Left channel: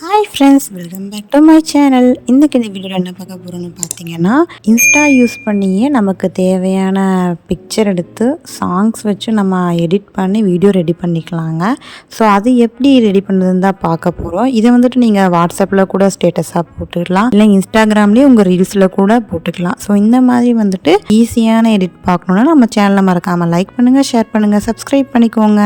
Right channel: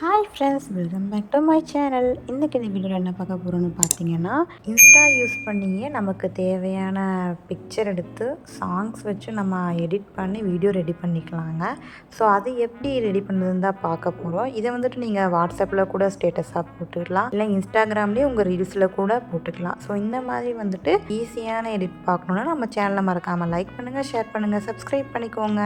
Hi friends, welcome back to my channel. இன்றைக்கி இந்த வீடியோவில் என்ன பார்க்க போகிறோன்னு பார்த்தீங்கன்னா, இன்ஸ்டா யூஸ் பண்ணியே நமக்கு தேவையான பிக்சர் எடுத்து சாங்ஸ் வச்சு நம்ம எடிட் பண்ணி வீடியோ ரெடி பண்ணிக்கலாங்க. ஸோ அது எப்படி ரெடி பண்ணுறதுன்னு தான் பார்க்க போகிறோம். இதை வந்துட்டு நீங்கள் வாட்ஸ்அப்பில் கூட ஸ்டேட்டஸாக போட்டுக்கலாம், இல்லை இன்ஸ்டாகிராம்லேயே உங்கள் ரீல்ஸில் கூட போட்டுக்கலாம். ஸோ இந்த மாதிரி வந்துட்டு ஈஸியான எடிட் பார்க்கணுன்னா நம்ம சேனலை மறக்காமல் லைக் பண்ணுங்கள், ஷேர் பண்ணுங்கள், சப்ஸ்கிரைப் பண்ணிக்கோங்க.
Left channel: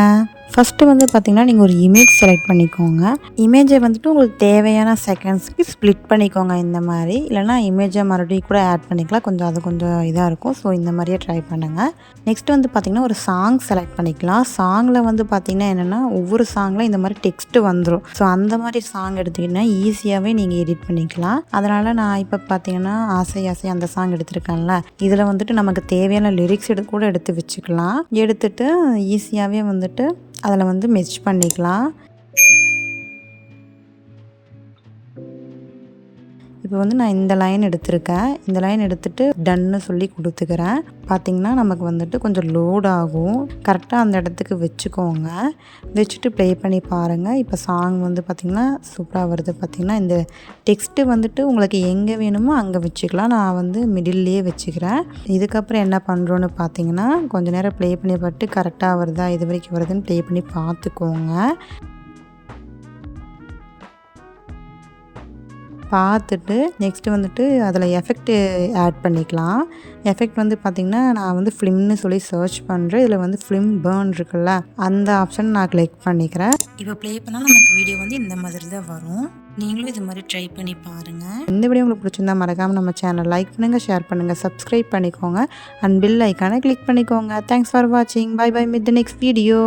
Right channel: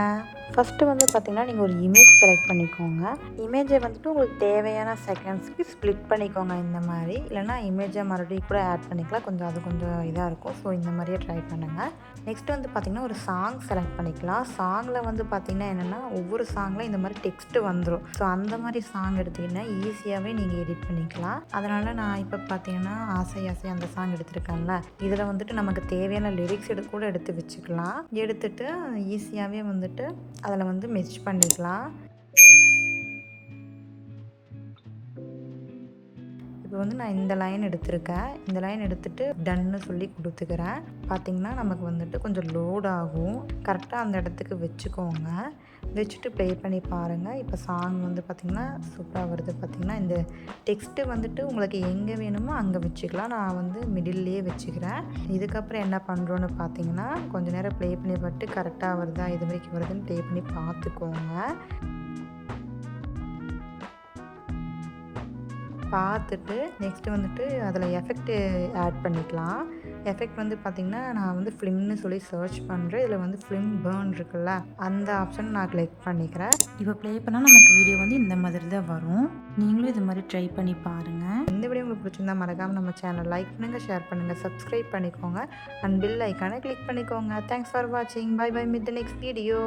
ஃபஸ்ட்டு வந்து பார்த்திங்கன்னா, நீங்கள் ஒரு இமேஜ் செலக்ட் பண்ணிக்கோங்க. இமேஜை வந்துட்டு உங்களுக்கு தேவையான செகண்ட்ஸ்க்கு ஸ்ப்ளிட் பண்ணிக்கோங்க இந்த மாதிரி. இல்லைனா இமேஜை மறுபடியும் கூட ஆட் பண்ணிக்கலாம், கொஞ்சம் இதாக இருக்கும். ஸோ இந்த மாதிரியே ட்ரை பண்ணுங்கள். நெக்ஸ்ட் வந்து பார்த்திங்கன்னா, ஒரு சாங் செலக்ட் பண்ணிக்கலாம். சாங்கில் வந்து பார்த்திங்கன்னா என்னென்னா, ஒவ்வொரு சாங்கில் இந்த மாதிரி டெக்ஸ்ட்டு வந்துடும். ஸோ அந்த மாதிரி சாங் எடுத்திங்கன்னா ஈஸியாகவே நீங்கள் எடிட் பண்ணிக்கலாம். அதனால் நான் இப்போ பார்த்திங்கன்னா ஆசை அந்த சாங் எடுத்திருக்கேன்ல, இதில் வந்துட்டு நமக்கு தேவையான லிரிக்ஸ் கூட எடுத்து வச்சுக்கலாம். எடுத்துட்டு ஈஸியாகவே வந்துட்டு அதில் வந்து மெர்ஜ் பண்ணிக்கலாம். இப்போ வந்து நான் இந்த லைன் எடுத்திருக்கேன். இந்த லைன் எடுத்துகிட்டு டன்னு சொல்லி கொடுத்துக்கிறேன். பார்த்திங்கன்னா நமக்கு வந்துட்டு கொஞ்சம் லோட் ஆகும். கரெக்டாக அந்த இடத்துக்கு வச்சுக்கோங்க. வச்சுட்டு ப்ளே பண்ணி பாருங்கள். இப்போ சாங் வந்து பார்த்திங்கன்னா சூப்பராக வருது. பார்த்திங்கன்னா இந்த டெக்ஸ்ட்டு வந்துட்டு உங்களுக்கு எங்கே வேணுமோ அங்கே வச்சுக்கலாம். நான் வந்து மிடில்லையே வச்சுக்கிறேன். இதுக்கப்புறம் என்ன பண்ணுறோன்னு பார்த்திங்கன்னா, கொஞ்சம் நேரம் ப்ளே பண்ணி பார்த்து கரெக்டாக வருதா, இது வரைக்கும் வருதுன்னு ப்ளே பண்ணி பார்த்துக்கோங்க. பார்த்துட்டு நெக்ஸ்ட்டு வந்துட்டு அதில் எஃபெக்ட்டு ஆட் பண்ணிக்கலாம். எஃபெக்ட் வந்து பார்த்திங்கன்னா, நான் வந்து ஃபிலிம்னு சொல்லி சர்ச் பண்ணுறேன். இதில் வந்து ஃபிலிம் பேர்ன் இருக்குல்ல, அந்த ஆப்ஷன் நான் கிளிக் பண்ணிக்கிறேன். இப்போ ப்ளே பண்ணால் நமக்கு வீடியோ வந்து இந்த மாதிரி தான் வரும். நீங்களும் இது மாதிரி ட்ரை பண்ணி பாருங்கள். இந்த வீடியோ உங்களுக்கு பிடிச்சிருந்தா மறக்காமல் நம்ம சேனல் லைக் பண்ணுங்கள், ஷேர் பண்ணுங்கள், சப்ஸ்கிரைப் பண்ணிக்கோங்க அண்ட் பெல் ஐக்கானை கிளிக் பண்ணிக்கோங்க. தேங்க்ஸ் ஃபார் வாட்சிங். Bye bye, meet the next video.